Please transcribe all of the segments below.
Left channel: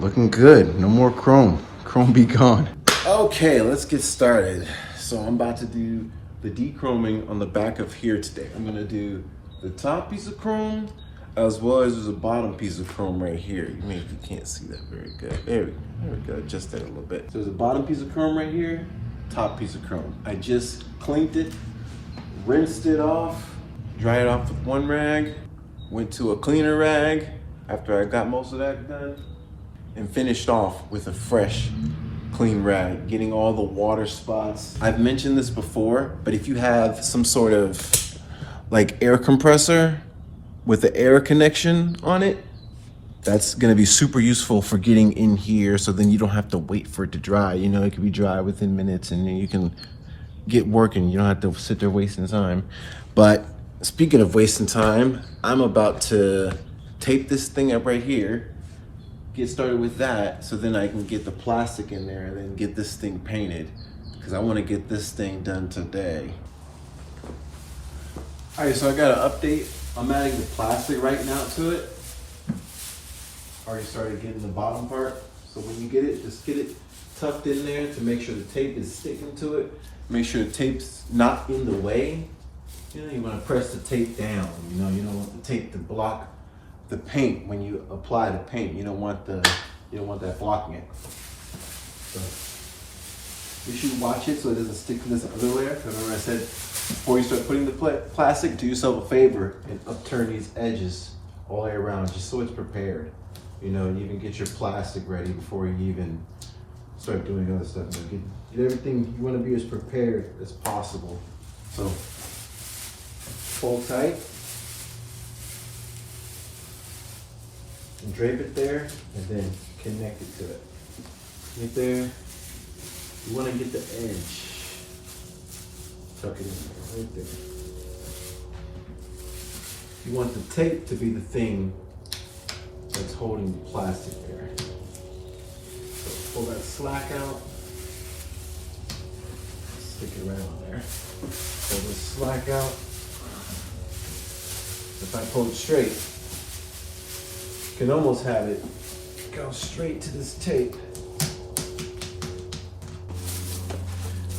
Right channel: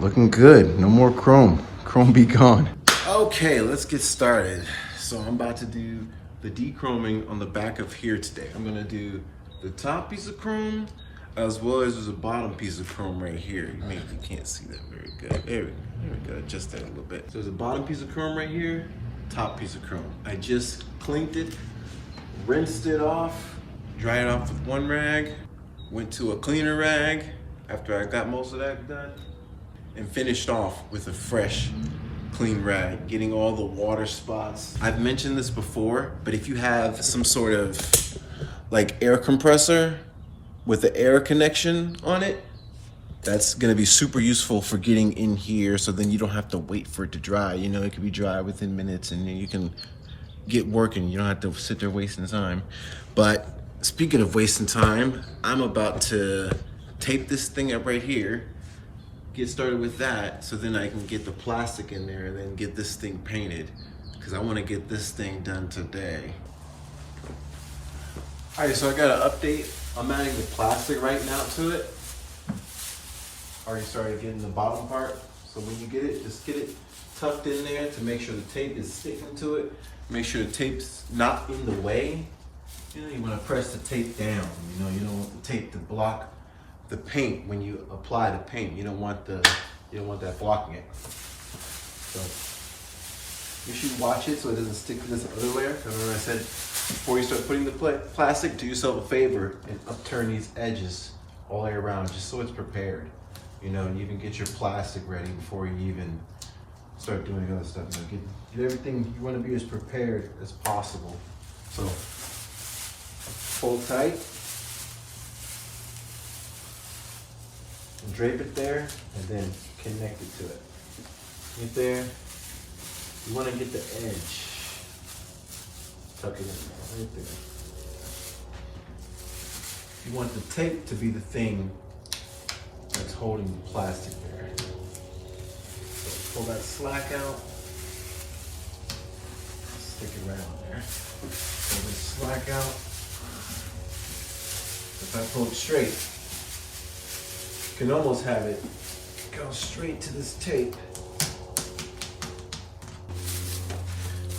Looking good. No more chrome. Chrome be gone. Okay, let's get started. So I'm about to do the de-chroming on the back of here today. I'm gonna do the top piece of chrome as well as there's a bottom piece of chrome right here. Maybe you can't see that very good. There we go, just there a little bit. So there's a bottom piece of chrome right here, top piece of chrome. I just cleaned it, rinsed it off, dried it off with one rag, went to a cleaner rag after I got most of that done, and finished off with a fresh, clean rag, getting all the water spots. I've mentioned this before, but if you have some sort of like air compressor with the air connection on it, that's gonna be super useful for getting in here, so then you don't have to wait for it to dry. You know, it can be dry within minutes and then you can get working. You don't have to sit there wasting time. But speaking of wasting time, I'm about to tape this thing up right here, get started with that, so then I can get the plastic in there and then get this thing painted, because I want to get this thing done today. All right, so I got an update. I'm adding the plastic right now to it. Already started getting the bottom part. So when you get it, just get it tucked in there to make sure the tape is sticking to it. Make sure the tape's not in the way. You know, you want to press the tape down. You know, you don't want the tape to block the paint when you apply the paint. You don't want that blocking it. So you should watch it so it doesn't stick to this other layer. Because remember I said before you start putting the plastic, do yourself a favor and upturn these edges all the way around, just so it's prepared. You know, you even get your plastic ready before you even start doing other stuff. You know, get everything, you want to be as prepared as possible. So hold tight and drape it there, and then connect it to it. Get there. You want to get the edge. Tuck it in there, right there. You want the tape to be the thing that's holding the plastic there. So pull that slack out. Stick it right on there. Pull this slack out. If I pull it straight, you can almost have it go straight to this tape.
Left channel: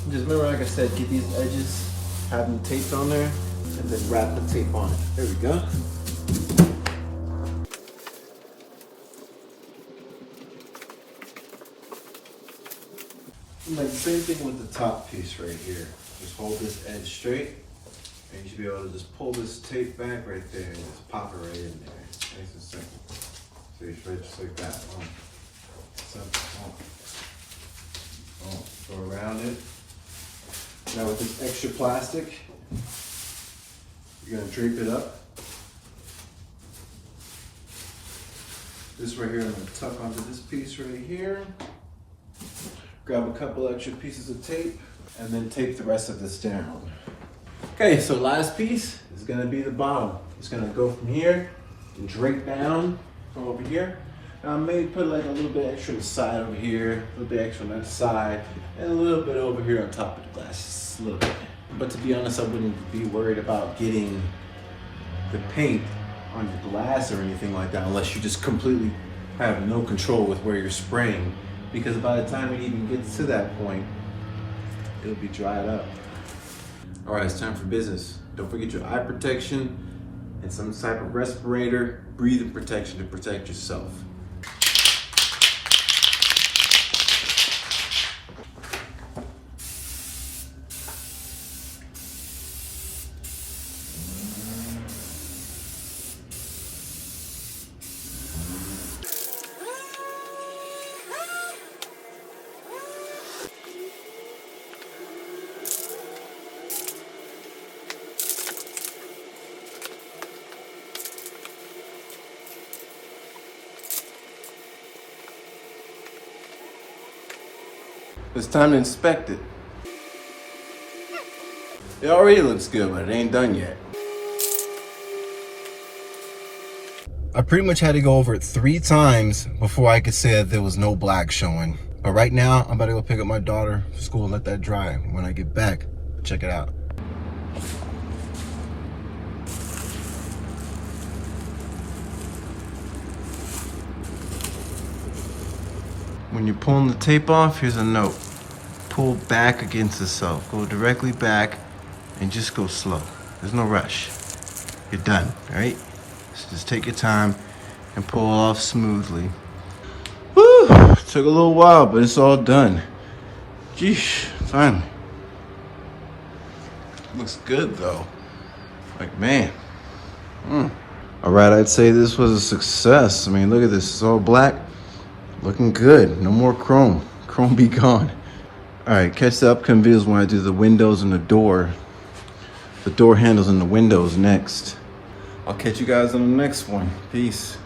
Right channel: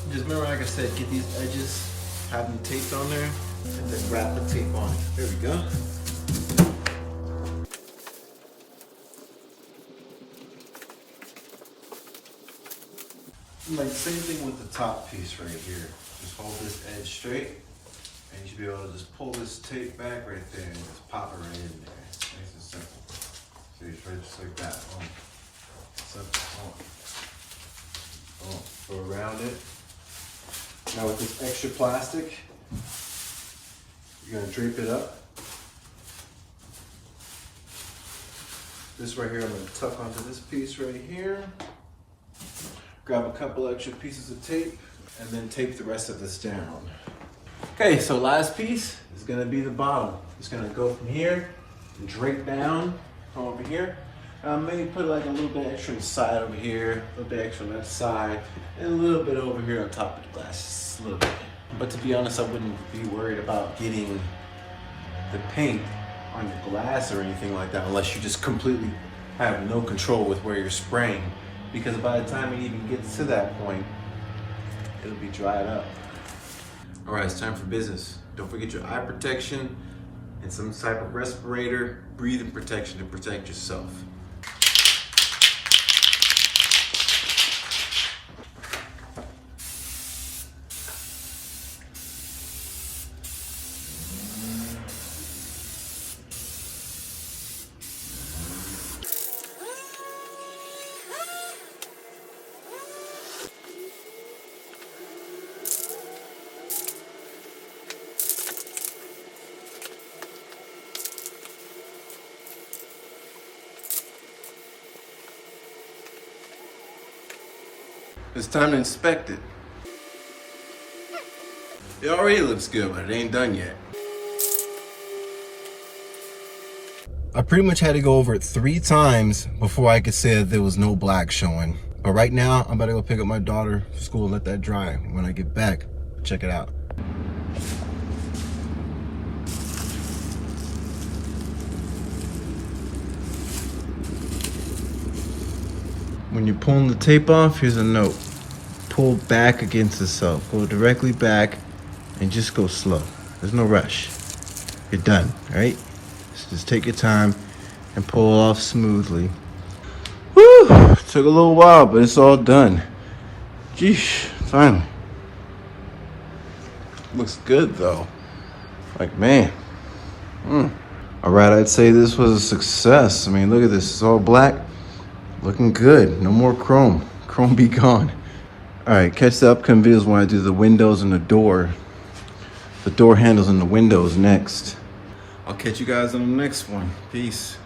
Just remember, like I said, get these edges, have them taped on there, and then wrap the tape on it. There we go. Like the same thing with the top piece right here. Just hold this edge straight, and you should be able to just pull this tape back right there and just pop it right in there. Nice and simple. So you straight just like that. Go around it. Now with this extra plastic, you're gonna drape it up. This right here, I'm gonna tuck onto this piece right here. Grab a couple extra pieces of tape and then tape the rest of this down. Okay, so last piece is gonna be the bottom. It's gonna go from here and drape down from over here. Maybe put like a little bit extra on the side over here, a little bit extra on that side, and a little bit over here on top of the glass, just a little bit. But to be honest, I wouldn't be worried about getting the paint on the glass or anything like that unless you just completely have no control with where you're spraying. Because by the time it even gets to that point, it'll be dried up. All right, it's time for business. Don't forget your eye protection and some type of respirator, breathing protection to protect yourself. It's time to inspect it. It already looks good, but it ain't done yet. I pretty much had to go over it 3 times before I could say that there was no black showing. But right now, I'm about to go pick up my daughter from school and let that dry. When I get back, check it out. When you're pulling the tape off, here's a note. Pull back against itself. Go directly back and just go slow. There's no rush. You're done, all right? So just take your time and pull it off smoothly. Woo! Took a little while, but it's all done. Geesh, finally. Looks good though. Like, man. All right, I'd say this was a success. I mean, look at this, it's all black. Looking good, no more chrome. Chrome be gone. All right, catch the upcoming videos when I do the windows and the door handles and the windows next. I'll catch you guys on the next one. Peace.